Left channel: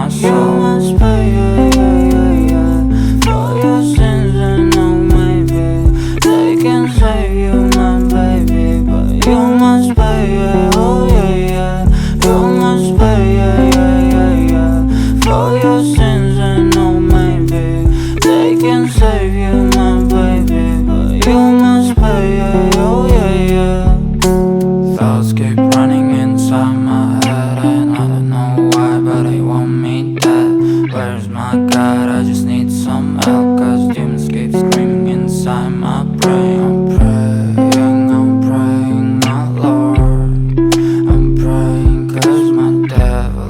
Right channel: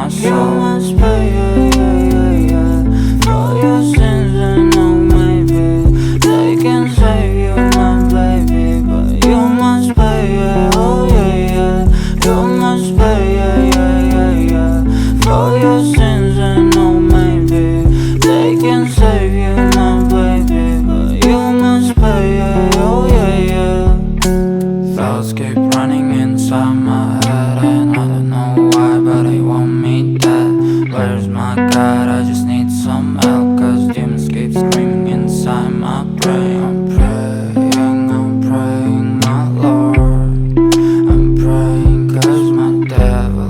my soul. You must pay, yeah, yeah, yeah, yeah, for your sins. And no, maybe they can save you, my baby, but you must pay, yeah, oh yeah, yeah. You must pay, yeah, yeah, yeah, yeah, for your sins. And no, maybe they can save you, my baby, but you must pay, yeah, oh yeah, yeah. Thoughts keep running inside my head, and I don't know why, but they want me dead. Where's my God? I just need some help, cause demons keep screaming inside my brain. I'm praying, my Lord. I'm praying cause my devil